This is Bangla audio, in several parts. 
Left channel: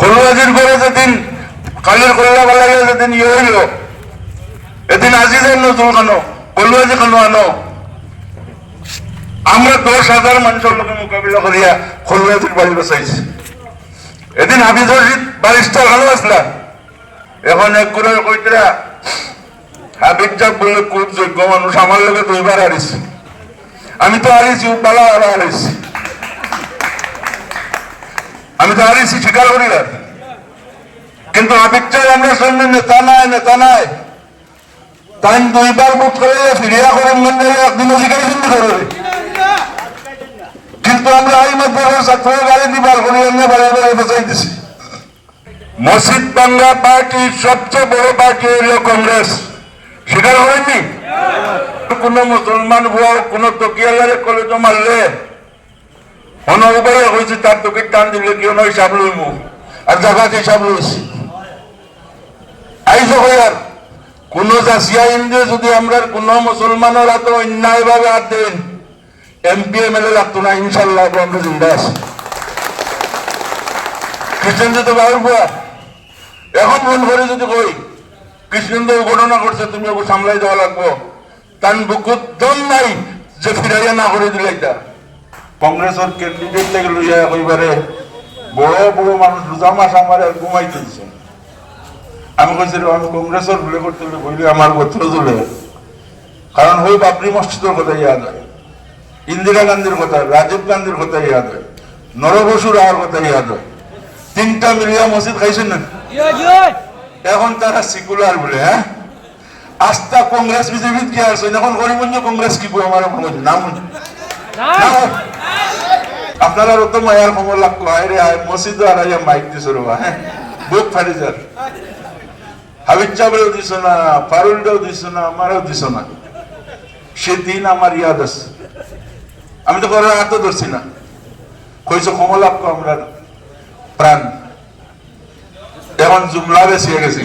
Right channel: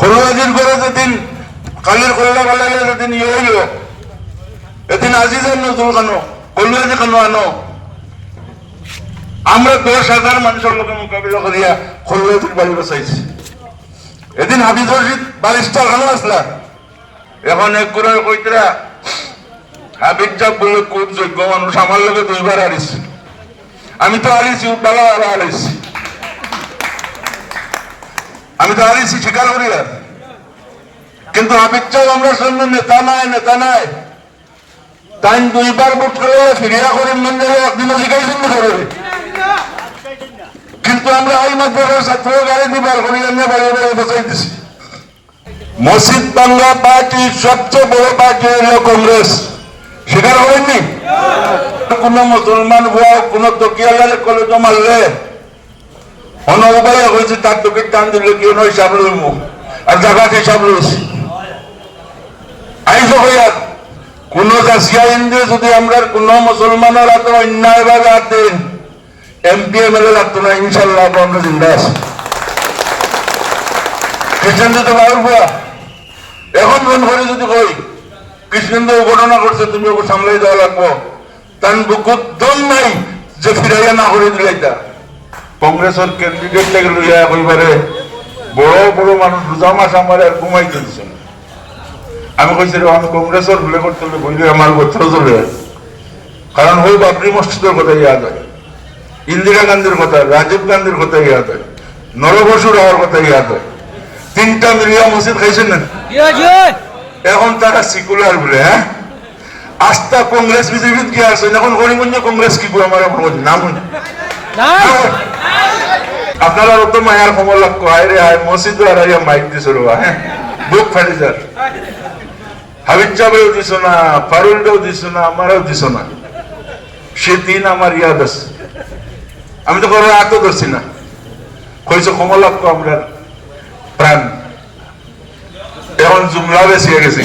কলুয়াজির করে যেদিন কালের কল্লা বালাগে যেদিন ইয়ে হইল এদিন আজিজের নজরুল কেন কলুয়াজি কেন আনো আমরা 10,000 মানুষের লোকে মোকাবিলা করিয়া কলুয়াজির বাড়ি বসাইছি এদিন হাফিজ রশিদ ব্যারিস্টার কেন আসলাম এখন এক করে কইতরা হাবিব যাক বলে খুব যোগ্য মানুষ আমার লোকে 2বার হারিয়েছি আমি তো হারিয়েছি বালা হারিয়েছি আমি তো হারিয়েছি স্বীকার করি আর কিন্তু হাবিব চাই আমরা শুনি নেতা নাই তাই 2বার ভোট করে ফিরিয়া করুন একদিনও শিখাইছেন করে কিন্তু আমরা এই মধ্যে ছাত্র গাড়ি দিবার করি এমনি বাড়ি বাড়ি বসাই দিছি মসজিদ বাংলা পার্টির সবচেয়ে বড় পার্টি হল কংগ্রেস স্বীকার করেননি কোন মুসলমান হওয়া কোন তকিয়ালের কলেজ মারলে অনবাই হয়েছে তার তোকে টান দিলে কেউ নয় হিসাব লইব আর জায়গাতে হিসাব লইছি আইস হইয়ার কোন জাসিয়া ইন্দ্রে যদি আমরা কোন মুসলমানের হাতে অন্যায় ভাবে হাত দেন এমপি এমএলএ লাগতো না ইনশাল্লাহ আমরা জিন্দা আছি কৃষ্ণেন্দ্র তো বাবুর বুয়া এখন মন করে যদি কই কৃষ্ণেন্দ্র ঘটনা করছে তুমি ওকে সামলাই দেওয়া লাগবো তার বুকুর দম নাই যে ফিরাইয়া না করে দিলে এটা কংগ্রেসের ক্যান্ডিডেট লেগে লইয়া কইবারে বড় বড় মানুষ রোজা মাস আমার আর ঘুমাইতে দিচ্ছে আমি কইছি আমি কংগ্রেসের ভুলে করতে বইলে আমার গোত্র চলে কারণ হই বাবরি মসজিদের কথা ইয়াদ হয় ইন্দিরা গান্ধীর কথা রাজীব গান্ধীর কথা ইয়াদ হয় নরবসু রাওয়ার কথা ইয়াদ হয় 3টা মিলিয়া মসজিদ খাইছেন না এখন তারা সিকুলার বলে হ্যাঁ আস্থা কংগ্রেস বিজেপি কি আছে এখন গরিবঞ্জ কংগ্রেস কি বই আমার নাম আপনারা অত মায়ার খবর লাগতো হায় রে হায় মসজিদ আর মাইক দিছিল হ্যাঁ বুক ফাটি যার হাবিব চাবেও দিছ না ফারুলটাও দিছ না আমারও দিছ না সেদিন আমার ইয়াদ আছে আমি তো কারোর হাতও ধরছি না কইছে খবর লাগতো আমরা প্রাণ এখন জুমলা বেশি হয়ে গেছি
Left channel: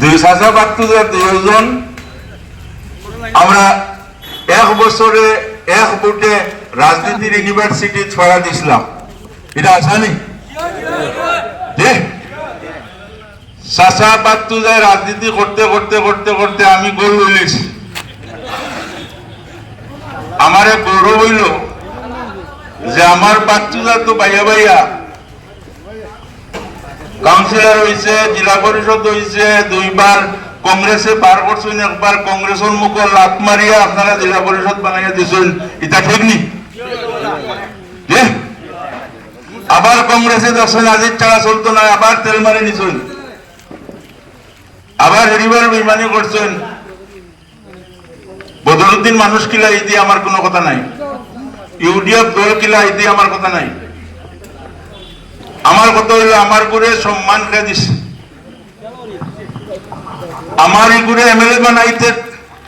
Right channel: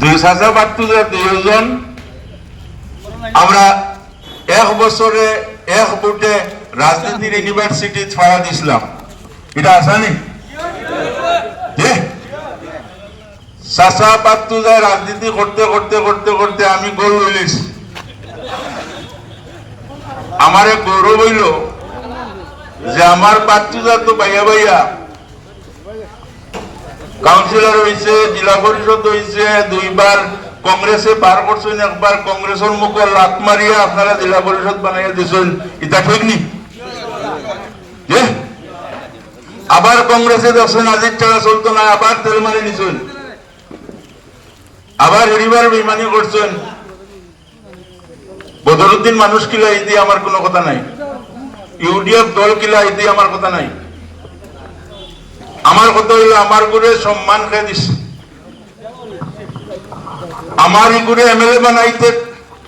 2,752 আমরা 1 বছরে 1 ভোটে রাজনীতির ইউনিভার্সিটি ছড়া দিছিলাম এটা আসানি রাজনীতি করতে করতে করতে করতে আমি গোল লইছি আমার গৌরব হইল যে আমার বাচ্চুদা তো বাইয়া বাইয়া কাউন্সিলর হয়েছে জেলা পরিষদ হয়েছে 2বার কংগ্রেসে পার করছেন একবার কংগ্রেসের মুখ লাত মারিয়া আপনারা জেলা পরিষদ বানাইয়া দিয়েছেন এটা ঠিক নি আবার কংগ্রেসে দর্শন আজির ছাড়া চলতো না আবার তেল মারি নিছেন আবার হেরিবার বেমানি করছেন বদরুদ্দিন মানুষ কিলা এই দিয়ে আমার কোনো কথা নাই ইউডিএফ দল কিলা এই দিয়ে আমার কথা নাই আমার কথা হইলে আমার করে সম্মান খেয়ে দিস আমার এই করে এমএলএ বানাইতে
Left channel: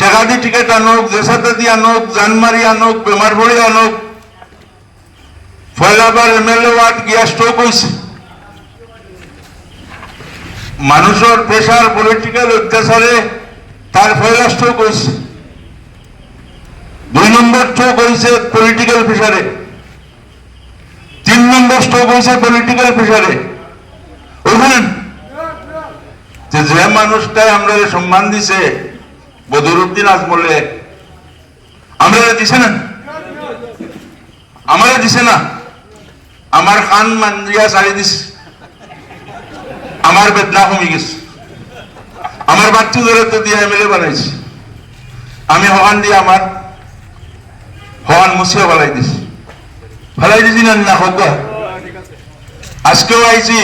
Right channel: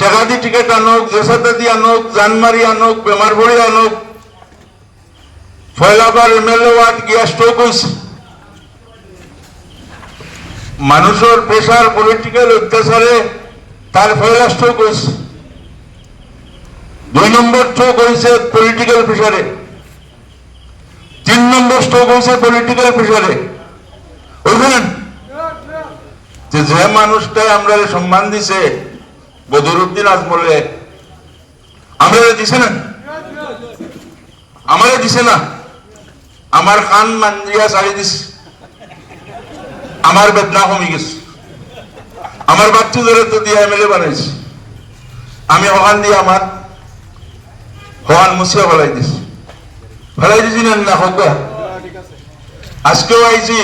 টাকা দিয়ে টিকিট আনোক জেসাতে দিয়ে আনোক জানমারি আনোক বেমার ভরে আনোক ফয়লাবার এমএলএ ওয়ার্ড গিয়া স্ট্রোক হয়েছে মানুষের প্রেশার পলিটিক্যাল অত্যাচারে তার ফয়লা স্ট্রোক হয়েছে 2 নম্বর স্ট্রোক হয়েছে পলিটিক্যাল প্রেশারে 3 নম্বর স্ট্রোক হয়েছে পলিটিক্যাল প্রেশারে বুঝলেন যে মানুষটাই আমরা সম্মান দিছে বদরুদ্দিন আজমলে আমরা দিছে না আমারে দিছে না আমার খান মান্দিয়া সারি দিছে আমার বেদনা কমে গেছে আমার বাচ্চু ধরে তো দিয়ে এমএলএ বানাইছি আমি হকান দিয়ে আমার হকান মুছিয়া ফেলাই দিছি না হোক আজকেও আইছি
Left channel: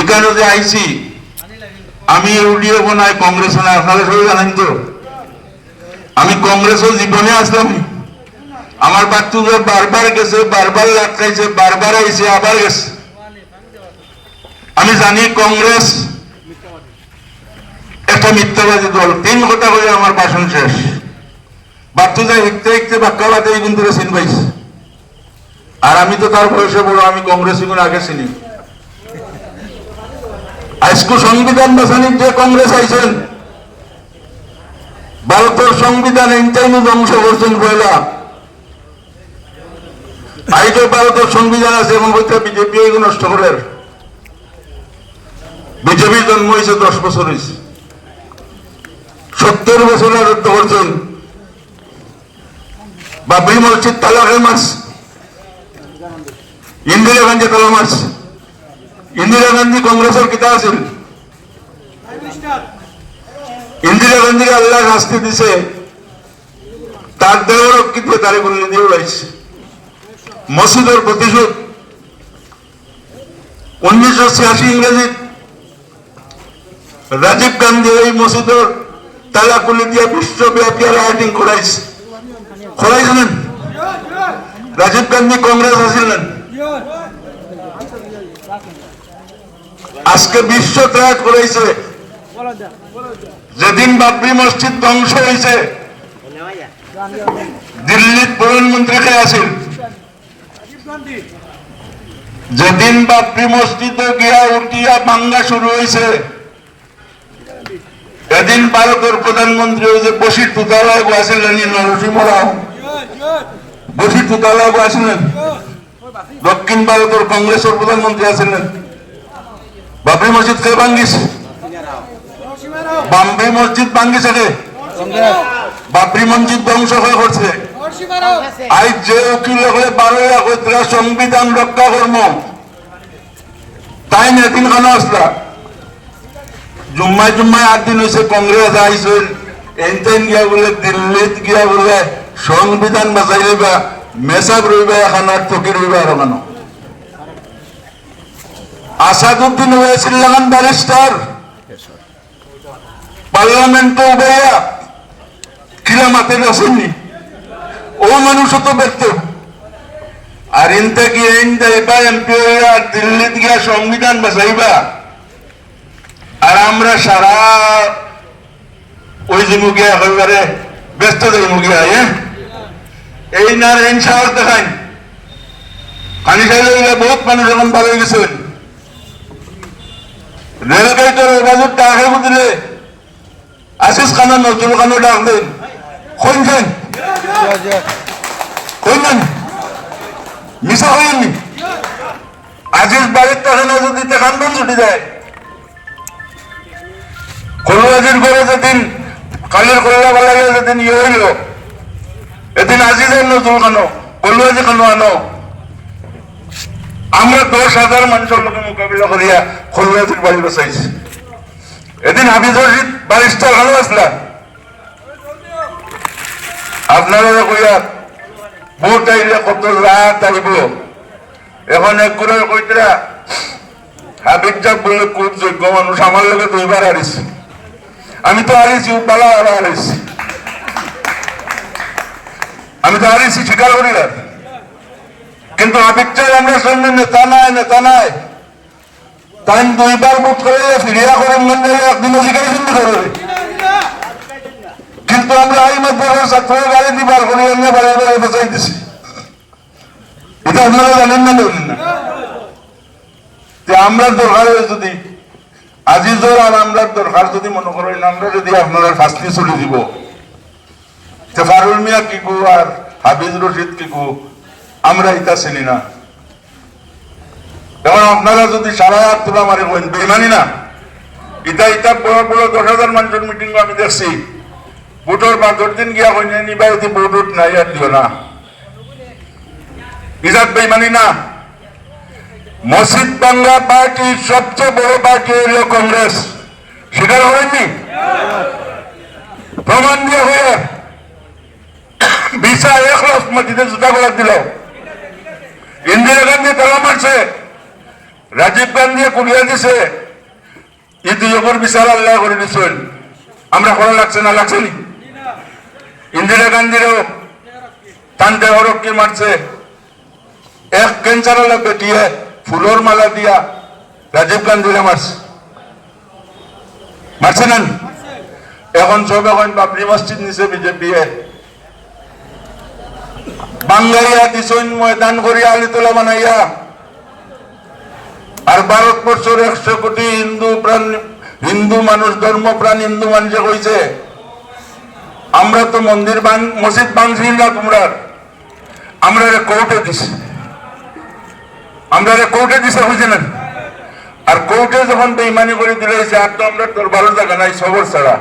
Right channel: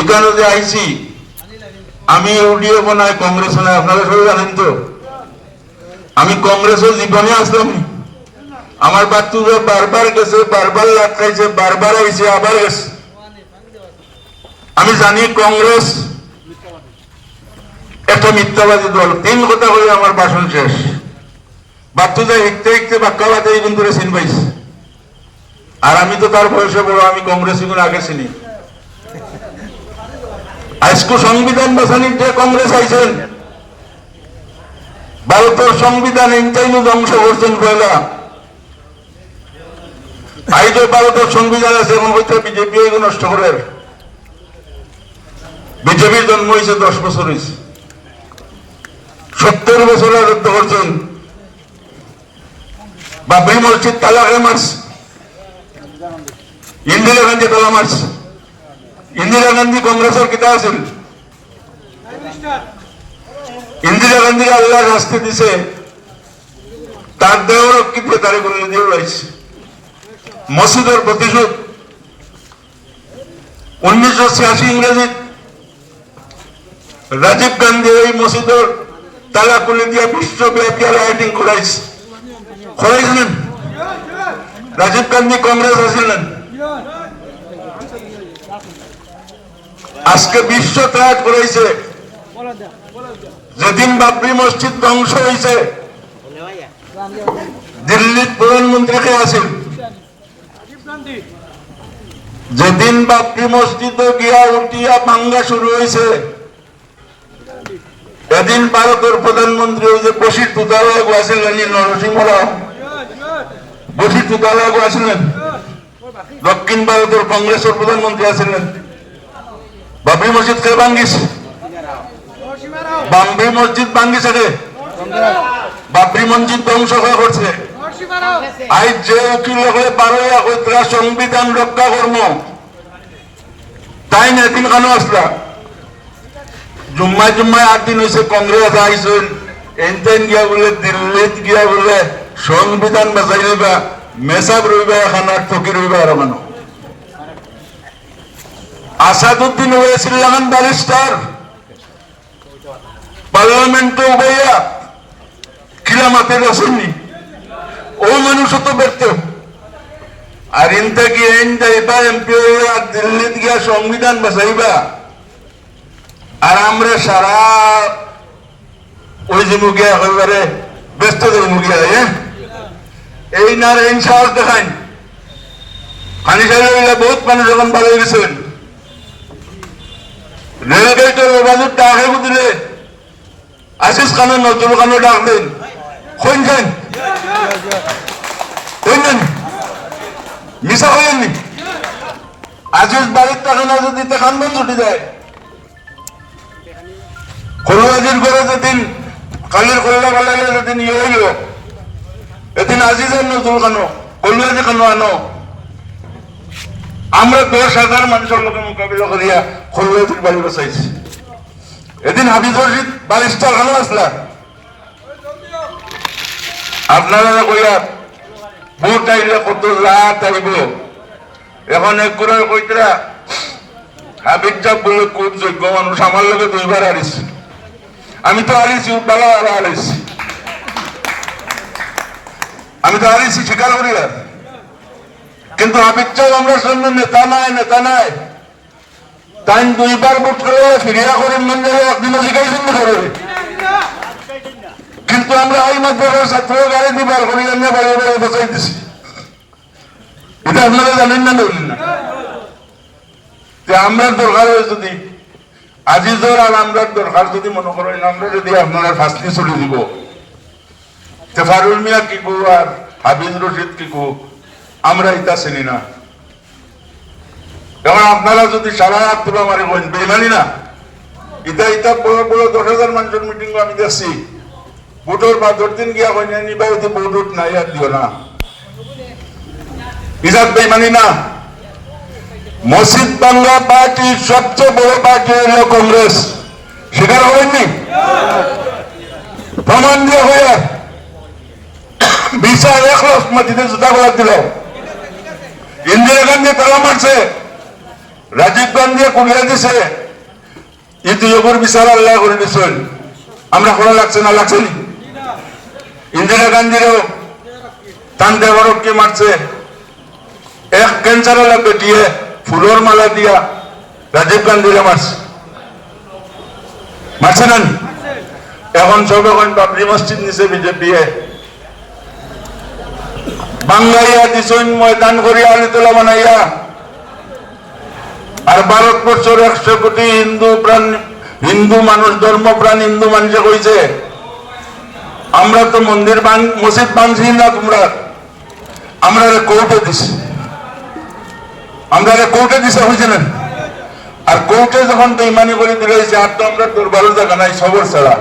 এখানে যে আইছি আমি ইউডিএফ নাই কংগ্রেস নাই আপনারা সবাই জানেন তো আমি কংগ্রেসের জীবনে আসলাম আমার বাচ্চুদের বারবার গেছে বারবার লাট খাইছে বারবার আইছে আবার গেছে আমি জানি কংগ্রেস একটা মিথ্যাবাদী দল 3 কথা বলে আমার ভাষণ শেষ বাচ্চুদা হিকতে হিকতে বাক্যাবাদে এই বন্ধুরা চিন পাইছে আর আমি তো তার বয়সে বড় আমি কংগ্রেস আগে চিনি আজকে সংবিধান বাঁচানির যে কংগ্রেস আইছেন ভারতের সংবিধান এইটাই ধ্বংস করছেন পয়লা আইতো ভারতের সংবিধান আছে এমন বলতে বিজেপি এগুলো নষ্ট করে। বিজেপির জন্ম হয়েছে 10 বছর হয়েছে, 70 বছর রাজত্ব করছেন। বাবরি মসজিদ তালা খেয়ে মারছে, ইন্দিরা গান্ধী তালা মারছে। ইন্দিরা গান্ধী কংগ্রেসের কিতা আছিল, ইন্দিরা গান্ধী আল্লাহ শাস্তি দিছে, তার দেওয়ার রক্ষিত তারে করে দিয়ে উড়াইছে। মসজিদের প্রতিশোধ 1986 ইংরেজি রাজীব গান্ধী এই মসজিদের তালা খুলে দিয়া বিশ্বব্যাপী রাইটিং করাইছে। করাইছিলেন রাজীব গান্ধী কংগ্রেস আসিলেন। আজকে বিশ্ব ত্যাগ করাইছে। যেদিন বাবরি মসজিদ ধ্বংস হয়েছে দিল্লির প্রধানমন্ত্রীকে আসিল, যেদিন বাবরি মসজিদে গিয়া উঠিয়া ভাঙ্গা শুরু হয়েছে এদিন ভারতের প্রধানমন্ত্রী হয়েছে বশির তুতালায় আসিলেন, নরসিংহ রাও বশির তুতালায় আসিলেন। দক্ষিণ ভারতের কংগ্রেসের প্রধানমন্ত্রী আসিলেন। বাবরি মসজিদ কে ভাঙ্গিছে? বাবরি মসজিদ ভাঙ্গিছে রে, বাবরি মসজিদ ধ্বংস হয়ে করছে। আজ যে উকিল হলে 12 হইতরা সংবিধান রক্ষা কর্ম তাই এদিন কেন আসলা? জুম্মায় জুম্মায় 8 দিন হয়েছে কংগ্রেস আইসেন, এনতেন গিয়া বলে দিল্লিত গিয়া বলে সংবিধান বাঁচাই রইবা, মেসাব রইবা, এখন আর থকি রইবা। আর মানো আসাদুদ্দিন হয়েছিল লাগান ব্যারিস্টার, পার্লামেন্ট উঠাইয়া খিলা মাথায় আসেননি, ও মানুষ তো ব্যর্থ। আর ইনতে গিয়ে যাইবা এমপি হইয়া দিল্লিত গিয়া সংবিধান বাঁচাইবা, আর আমরা সারা ওই যে মুগিয়া একেবারে ব্যস্ত দেব মুগিয়া। এই না এন সাহস দেখাইন। পানি সাইলে বহুত মানুষ এখন ভালো হয়ে গেছেন। রেলগেটের বাজেট টাকা দিলে আশিস খানের নজরুল খানও ডাক দেন, কইছেন কইলেন মিশা হইনি। আজিজ বাড়ির টাকা না যদি দেখান বল ছুটি যায়। কলুয়াজির করে যেদিন কালের কল্লা ভালো লাগে যেদিন ইয়ে হইল, এদিন আজিজের নজরুল খানো কলুয়াজি খানো আনো। আমরা 10,000 মানুষের লোকের মোকাবিলা করিয়া কলুয়াজির বাড়ি বসাইছি। এদিন হাফিজ রশিদ ব্যারিস্টার খানো আসলা, আপনারা কইয়া ভোট আইলে কত রাত আইব। এখন এক করে কইতরা হাবিব যাক বলে খুব যোগ্য মানুষ, আমার লোকে 2 বার হারিয়েছি। আমি তো হারিয়েছি, বালা হারিয়েছি, আমি তো হারিয়েছি স্বীকার করি না। কিন্তু হাবিব চাই আমরা শুনি নেতা নাই, নেতা নাই। তাই 2 বার ভোট করে ফিরিয়া করুন একদিনও শিখাইছেন না করে। কিন্তু আমরা এই মাধ্যমে ছাত্র গাড়ি দিবার করি আমরা বাড়ি বাড়ি বসাই দিছি। এটা আপনারা জানেন না ধরেন না? আমরা দরকার হয় যদি আজিজর আর আমরা দরকার যদি মনে করেন, আমরা যদি আপনারা শাস্তি চলে দিব, ফারুল মিয়া কি কু আর হাফিজ রশিদ কি কু আমরা এটা চিনি না। এখন আপনারা যদি সারা হাত তোলা মারি বলেন বেমানি না। এটা বড় বড় 10,000 মানুষের মিটিং আমি দেখছি। ভোটের 5 দিন গিয়া কইনে নিবা যদি ভোট নাই আর দিও না, ইজাত বেমানি না। মসজিদ বাংলা পার্টির সবচেয়ে বড় পার্টি হইল কংগ্রেস, স্বীকার করেননি? প্রমাণ দিয়ে হয়ে বিশা 1 লাখ মসজিদে জুতা করে দিল। ইন্দিরা গান্ধী তালা মারছে, রাজীব গান্ধী কুড়িয়ে দিছে, এই 2 বিচার আল্লাহ করে দিচ্ছেন। আমরা করা লাগছে না, লাগছে নি? ইন্দিরা গান্ধীরও টান দেওয়ারকে মারছে, এক ক্যান্সার লাগবে দিয়ে ফুলের মালা দিয়া রাজীব গান্ধীরে মারছে, মারছে না? এখন সব এখন বাবরি মসজিদ নিছে বিজেপি বাঙ্গাইয়া দিছেন ময়দান করিয়া আলিতলা বানাইয়া। আর ভারতবর্ষের 100 কোটি হিন্দু মানুষ, ধর্মপ্রাণ হিন্দু মানুষে কইছে আমরা তো মসজিদ ভাঙছি না তোমরা, আমরা কোর্টে দিছি। আমরা কোর্টে দিছে বুঝলেন, আর কোর্টে যখন বেইমানি করে দিলেছে আর তো আমরা তোর ভালো জায়গা নাই সবর ছাড়া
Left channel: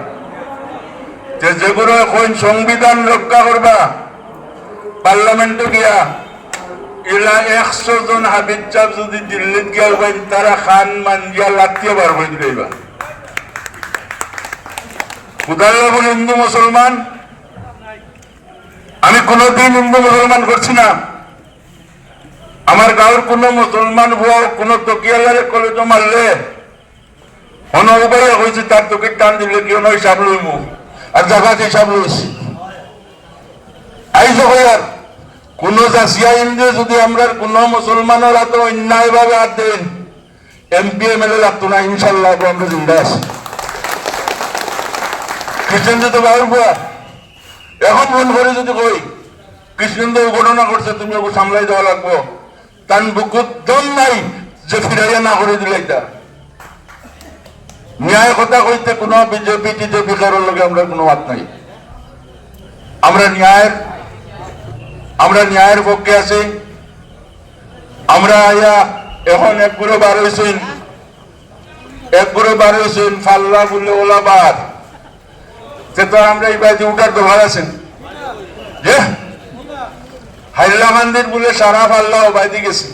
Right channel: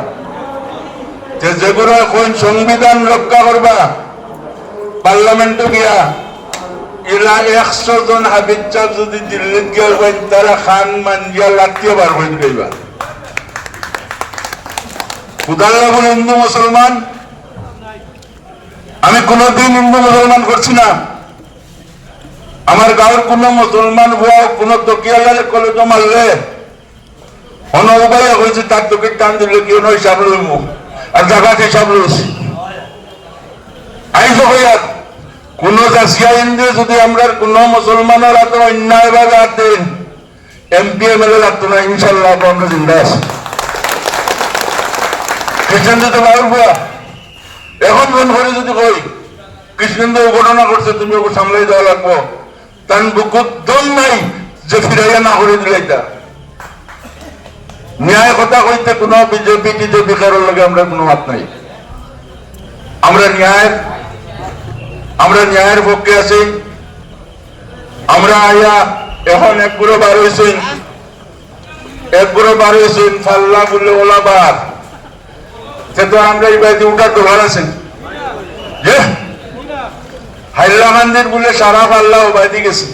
যেগুলো এখন সংবিধান রক্ষা করবা পার্লামেন্টে গিয়া এরা 100 জন হাবিজ সাহেব যদি দিল্লিত গিয়ে হইবেন তারা খান মানজিয়া লাতিয়ে বার হয়ে দিলেইবা। খুদাল্লাহ বলে হিন্দু মুসলমান, আমি কোনোদিন হিন্দু মুসলমান করছি না। আমার গাঁয়ের কোন মুসলমান হওয়া কোন তকিয়ালের কলেজ মারলে অনবাইয়া হয়েছে তার তোকে টান দিলে কেউ নয় হিসাব লইব আর জাগাত হিসাব লইছি আইজ হইয়ার কোন জাসিয়া ইন্দ্রে যদি আমরা কোন মুসলমানের হাতে অন্যায় ভাবে হাত দেন এমপি এমএলএ লাগতো না, ইনশাল্লাহ আমরা জিন্দা আছি। কৃষ্ণেন্দ্র তো বাবুর বুয়া এখন মন করে যদি কই কৃষ্ণেন্দ্র ঘটনা করছে তুমি ওকে সামলাই দেওয়া লাগবো, তার বুকুত দম নাই যে ফিরাইয়া না করে দিলে এটা ন্যায় কথা কইতে কোন বিজেপি টিজেপি কারোর লগে আমরা কোনো হাত নাই। আমরা ন্যায়ের পক্ষে আছি। আমরা আয়া এখন এক করে বার হয়েছেন ফাল্লা বললে ওলাবার সে তো আমরা এই বাইতে উঠার দোকান আছেন যে হাইলা মন্দির বলে সারা ফাল্লা ও বাইতে গেছে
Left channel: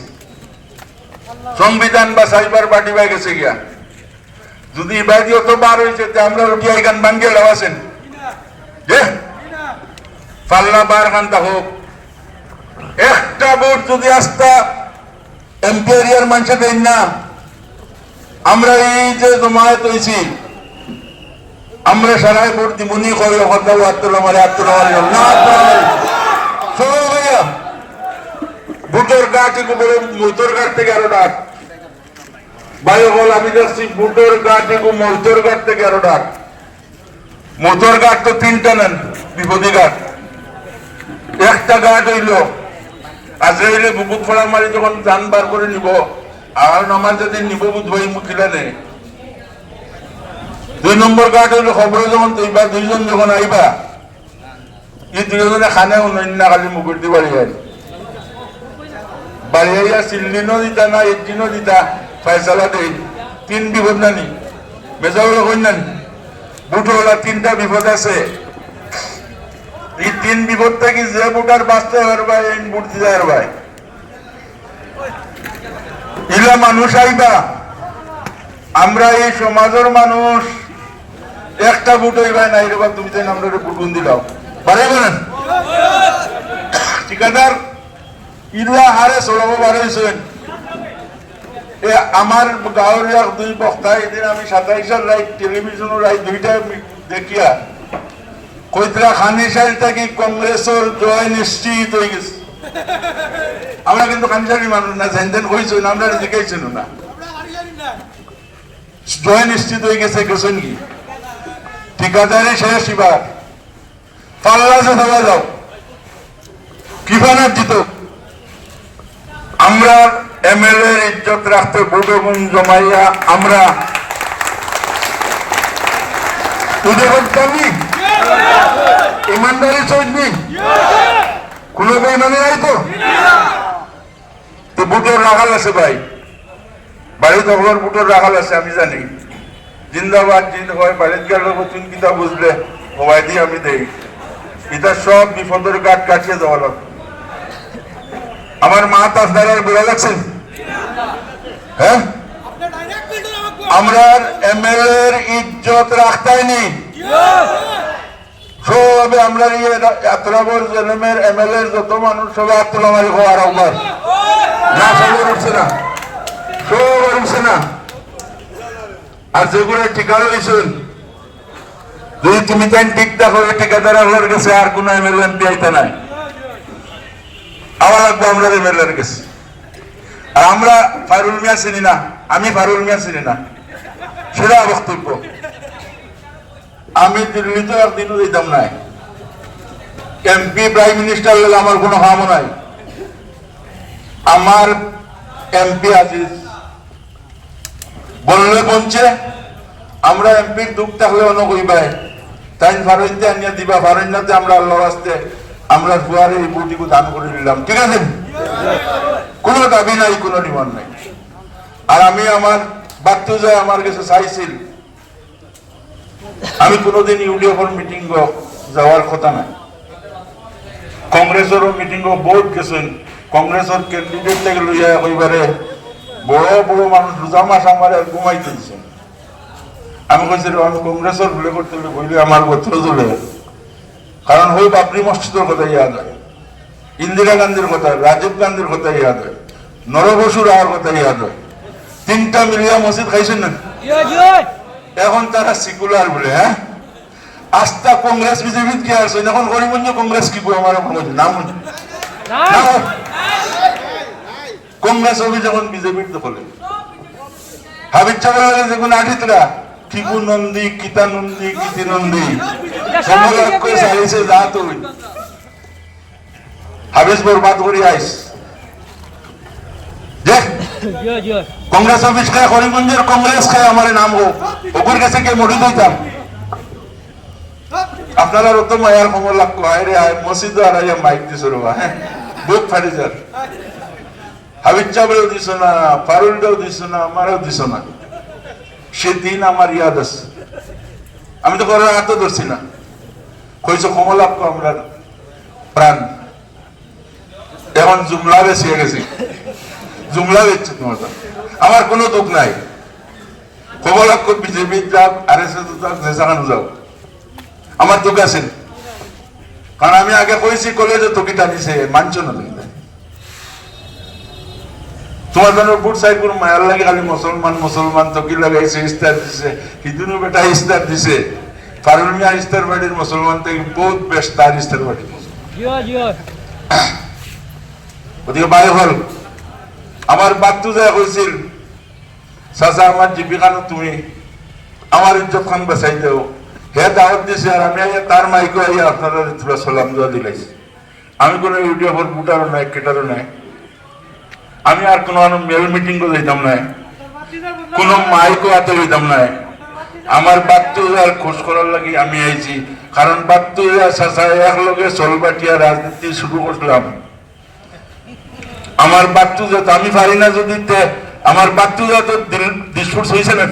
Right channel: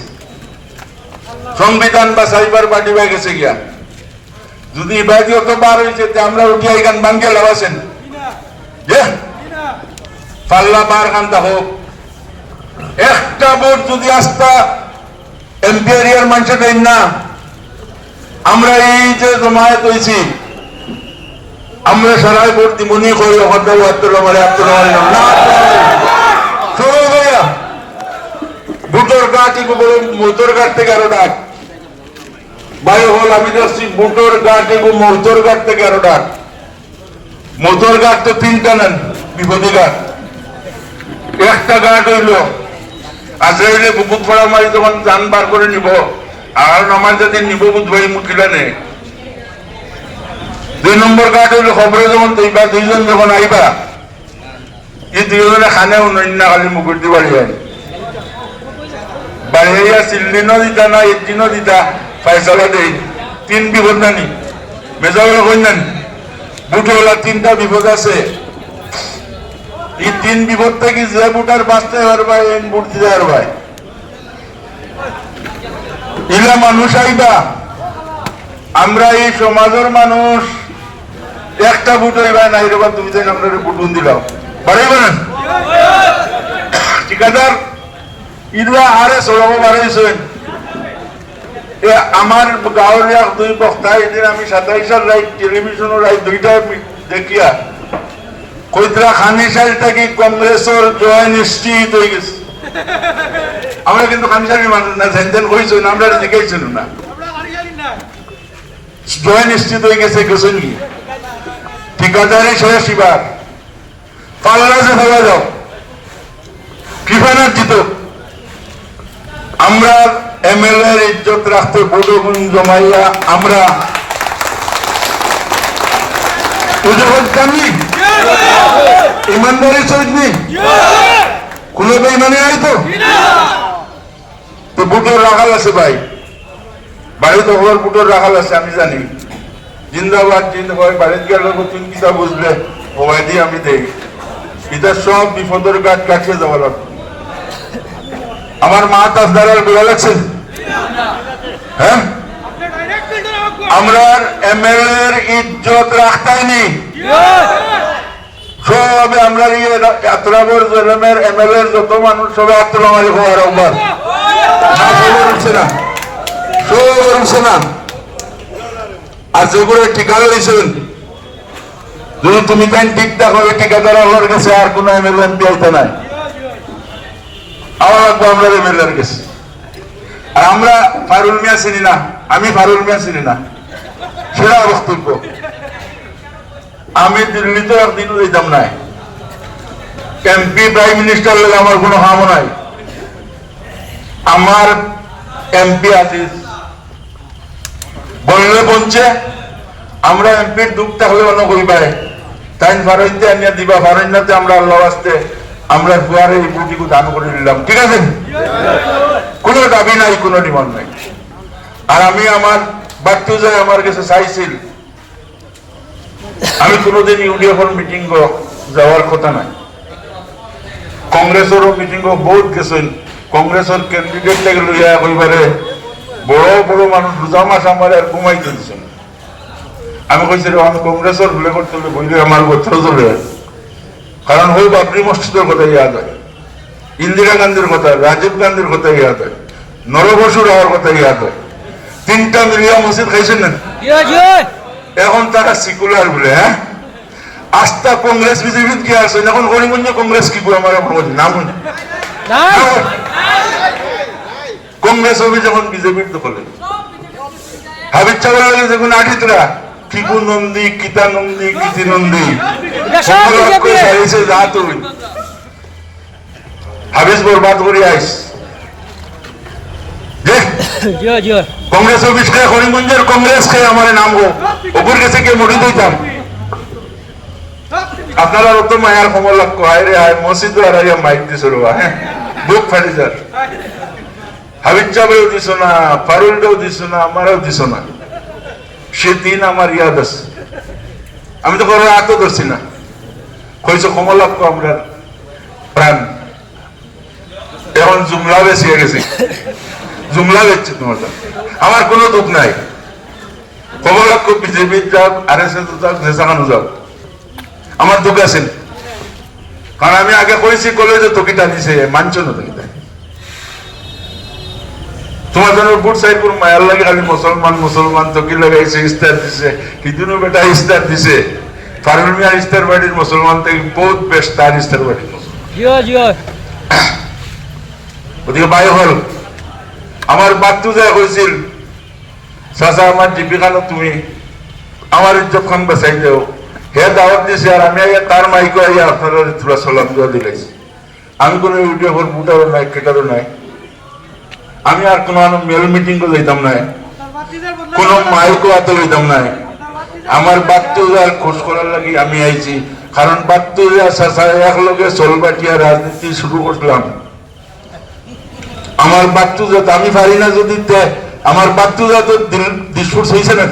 সংবিধান বা সাইবার পার্টি বা গেছে গিয়া যদি বাইতে অত বার হয়েছে আমরা উঠিয়া এখান বাঙ্গিয়ে লাগাছেন যে পাল্লা বার কান্তা হোক একটা ভোট যদি আস্থা এমপি এরিয়ার মানুষের দেন না, আমরা এই যে জমায়েত হয়েছি আমরা সারাই ভোট দিবনি কই ভোটের গাটি মোটর গাট থেকে আরো ডাক বায়ু হল আমি যাচ্ছি বুটোর গাট এবং মোটর গাট থেকে আরো ডাক। মোটর গাট তো 3টা নেন বিপদী গাট, একটা গাট হইল আজরাইলে বুকুত ফড়া মারি যখন যান বার করে নিব আর আমার যদি নিব বুধবাই মুখিলা নেই। 2 নম্বর গাট হইল খবরে যখন তৈবা 2 জন যখন আইবা এই 2 জনে খানে অন্য খালি মুকুট দি বাড়ি বাড়িয়া সিল্লিনও দিতা না একদিনও দিতা ফাইসালা দেই 3 বিপদ নানি মেজাগুলো কই নানি বুটওয়ালা 3টা বিপদ আছে। এই 3 বিপদ থেকে যে বুটার বাঁচতে পারবা এই বুট দিতে পারবা ইলা মানুষ আইবা। আমরা এই সমাজের মানুষ একটা বুট হইবা নাই রে বা তুমি যেন আমরা বুটুন দিলাম পারবে না ঠিকাদার ইলা আরে সরব বাড়াইছেন। আমার গাঁৱৰ 2 বক্তা এদিন আমি 27 রাইট টেলিভিশনের রাইট 2টা দেখিয়া কইতরা খানিশাল থেকে কংগ্রেসের জয় নিশ্চিত হয়ে গেছে। আমরা কিন্তু খানিশালি মানুষ না জানতেন কইছো না আমরা দেখাইছিল না জয় নিশ্চিত হয়ে গেছে গেছেন কি ঠিকাদারে শেষ এবার পাল্লা যে ধরে যাও কিফানার জিত। আমরা এমএলএ এর ইজ্জত রাখতে ভোটগুণ জমাইয়া আমরা পুজো করতাম নি ইমানদারি সহিত নি কোনো বেইমানি নাই তো বুটোর রাখাল আছে ভাই বাড়িতে ওর বুটোর রাখাল আছে আমি জানি জিন্দাবাদ জিন্দাবাদ বাড়িতে গেল তুমি কিতা বুঝলে ও ভাই দিয়ে আমি দেই এটা সব বিপদের কাঠ কাটিয়ে যাওয়া লাগবে। আমার মা তাজদারার বেড়া লাগছেন হ্যাঁ আমরা এমএলএ এর ইজ্জত রাখতাইনি সবে আমরা আত্রাবর জেলামের এমএলএ এর যত মানুষ সবে আত্রাম আলী হওয়ার একবার না সবর উঠছে না সবর উঠছে না। আর যেগুলো ঠিকানা দিয়েছেন যদি তুমি তাই ঠিক দেখো ঠিকাদার হওয়ার কাছে আর কোন এমএলএ এমপি আইতে নাই আওয়া লাগবো আমরা এমএলএর কাছে। আর আমরা ফারুল মিয়া চিনি না, আমি ফারুল মিয়া চিনি না সেটা বক্তব্য। আমি দিল্লিতে একদিনও যেতাম নাই, এমপি প্রাইম মিনিস্টার হলে আমার কোনো কামও নাই। আমার এমপি আজিজ বললে বলছে আমরা এমপির দুঃখ থাকলে অন্য কইবাই তাই ফারইতে আনিয়া দিবা ফারইনাতে আমরা আল্লাহ আসতে আমরা ফুয়ারে এই বুটিকে দান করে দিলাম ঠিক আছে। কোনো দাবি নাই, কোনো ডিমান্ড নাই। আর আমি আমার বাড়তে যায় আমার কাছে চাইছিল, আমি কোনোদিন ইউডিএফের মিটিং যাওয়ার কথা নাই। কংগ্রেসেরও মিটিং বহুত গেছিল, কংগ্রেসের ক্যান্ডিডেট লেগে লইয়া কইবারে বড় বড় মানুষ রোজা মাস আমার আর ঘুমাইতে দিচ্ছেন। আমি কইছিল আমি কংগ্রেসের ভুলে করতে বইলে আমার গোত্র চলে, কারণ হই বাবরি মসজিদের কথা ইয়াদ হয়, ইন্দিরা গান্ধীর কথা, রাজীব গান্ধীর কথা ইয়াদ হয়, নরবসু রাওয়ার কথা ইয়াদ হয়। তিনটা মিলিয়া মসজিদ খাইছেন না, এখন তারা সিকুলার বলে। হ্যাঁ, আস্থা কংগ্রেস বিজেপি কি আছে এখন? করিমগঞ্জ কংগ্রেস কি বলে আমার নাম কংগ্রেস হবে যখন বিজেপির দখলে। হাবিব চাওয়ার যখন আঠিতরা কিকু নন্দী, কিতা নন্দী, কিতি নন্দী সারিছে যা তুই হাবিজ বরবাদ করে আইস যে কংগ্রেস অফিস খায়, করিমগঞ্জের কংগ্রেস খায় আমার নাম হোক ওপর কাছে কে মরি দিতাম। আপনারা তো মায়ার খবর লাগতো, হায় রে হায় মসজিদ আর মাইক দিছ রবা, হ্যাঁ বুক ফাটি যার। হাবিব চাবেও দিছ না, ফারুলটাও দিছ না, আমারও দিছ না। সে দিন আমার ইয়াদ আছে, আমি তো করার আতো ধরছি না। কইছো ক্ষমা লাগতো আমরা প্রাণ, এখন জুমলা বেশি গেছি, জুমলা বেচছে তোমার। আমার কোনো দুঃখ নাই, খবর লাগতো বিজেপি যাক, আর এস এস যাক, যেসাখানো যাক, আমার দুঃখ আছে। কারণ আমি আগে কইছি কলেজে তকিটা দিছে, মানছ না তকিটা। তোমার জন্য বুট সাইড করে মায়ার লাগে খালি মুসলমান মুসলমান তকি লাগাইছে, ইস্তার দিছে, হিন্দুনো বেটা ইস্তার দিছে। ফারুল মিয়ার ইস্তার বাড়ির মুসলমান থেকে বহুত বেস্ট তার ইস্তার বাড়ির মুসলমান। ওদিকে বায়ু হল আমার বাচ্চু যা কইছিল, চাচা আমার জীবিকানো তুমি আমার ইজ্জত খান বাঁচাই দেও। হে দাওয়াত দিছে আর আমি তার মাইকো আইয়া আপনারা তোরা সালাম দেওয়া দিলাইছি। আমি কোনো ইউটিউব বুটারও নাই, কেটারও নাই। আমি আর কোনো মেল মিটিংও যাইতাম নাই, কোনো মাইকও হাতে লইতাম নাই। আমার বাচ্চুজার খোঁজ করার লাগি আমি আইছি, কারণ বাচ্চুজা চাচা একলগে চলবাটিয়া রাজনীতি শুরু করলাম। আমার বাচ্চুজা আমি পারি না যদি আমার বাচ্চুজা তো ডিসপুট হয়েছে না,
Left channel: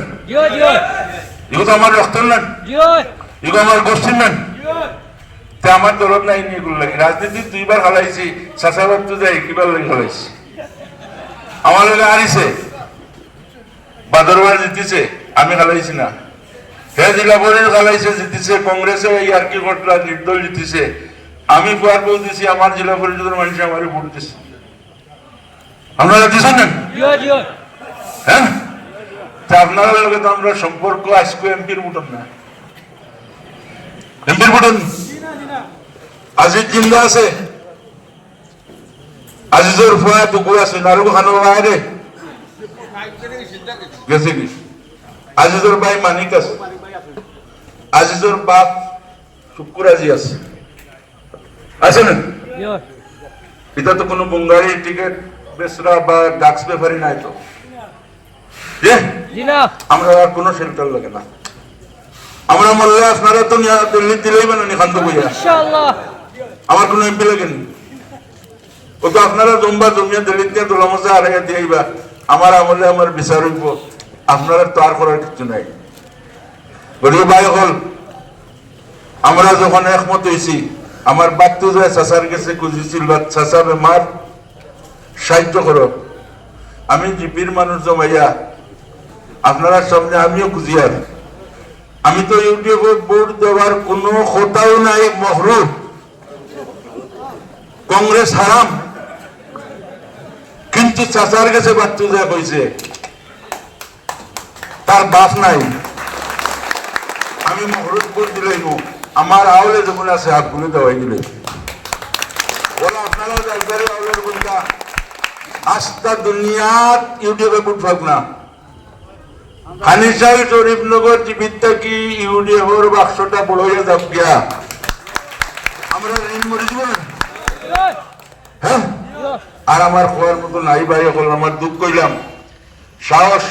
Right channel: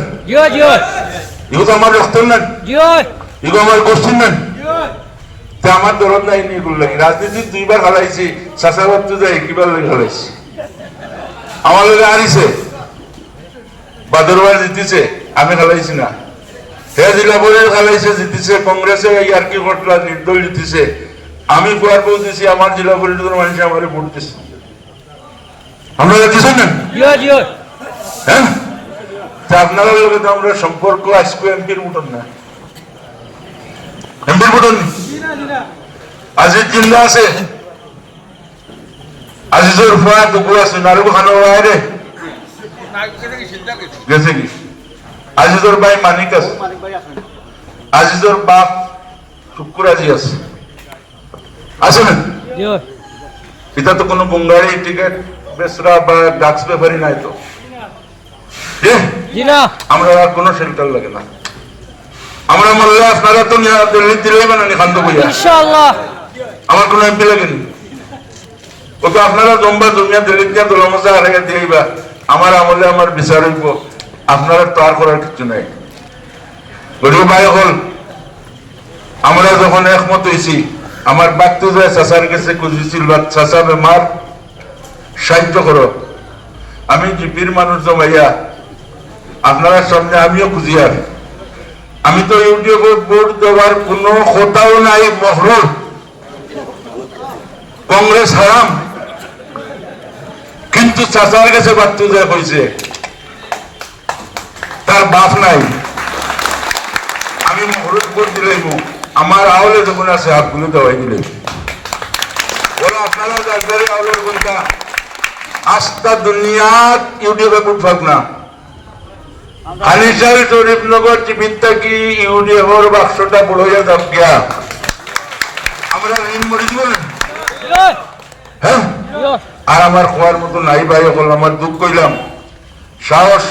এগুলো তো আমার রক্তের নেন, এগুলো আমার গোষ্ঠীর নেন। আমার দরদ নাই এগুলো লাগে। রাজনীতি দুইবার খেলাইছি, চাচা বাচ্চুজা একবার লাগে খেলাইছি। আমার লোক হারিছে, বাদরবার জিতেছে, আমি খেলাইছি না। হে জেলা পরিষদ খেলাইছে, জিতেছে, কংগ্রেসে আর কি ঘটলা নির্দল জিতেছে। আমি কুয়ার পৌঁছেছি, আমার জেলা পরিষদের মানুষ আমার ভোট দিচ্ছে। আপনারা দিচ্ছেন না? হ্যাঁ, আপনার লোকে তো আমরা সম্পর্ক আজকে এমপির বুটন না, এমপির বুটন আজিজ জিন্দা আছে, আজিজের ফুয়া টুকু আছে, নারু খানো বাইরে গেছে কি? আজিজের ভাই মানিক আছে, আজিজের বাপ শুক্র আজি আছে, আছে না? এটা তো কোনো বঙ্গালী টিকিট বেসরা বা ডাক্স ব্যাপারই নাই তো। আমরা কোনো সেন্টার লাগে না, আমরা মরলে আপনারা তো দিল্লি দিলেই বানানি খান্দ বইয়া, আমার কোনো এমপি লাগেনি। ও তো আপনারা জম্বা জমিয়া দিল্লিতে দোলামজা হারাইয়া দিয়েবা, আমার আমলে আমার বিচার হইব, আপনারা তো আর করার কিছু নাই। গরিব ভাই হল আমরা যখন একমত হয়েছি, আমার বাক্তু যায় চাচার কাছে খুঁজেছিল, চাচা বেমার সাহায্য করো। আমি জিপির মানুষ জমাইয়া আপনারা সামনে আমিও খুঁজিয়ার, আমি তো ইউটিউবে ভোট দেওয়ার কোনো কথাও নাই, মহরুম কংগ্রেস হারাম। কিন্তু চাচার কাছে বাচ্চু যা কইছে তার বাপ নাই, আমি মহরুম ভোট দিলাম, আমার আওলে যখন আছে হাতগুলো দেওয়াই দিলে ওরা আপনারা যাদের আওলের বলতা আস্থা দুনিয়াত ইউটিউবে ভোট পাক না। হানিসার শরীফনগর জীবিত কি ইউডিএফর বাক্সটা বড় হইয়া যাক গিয়া আমরা ঋণ মরে দিব না। হ্যাঁ, আর আমার খোয়ার মতো নাই ভাই, আমার দুঃখ কইলাম, সাহস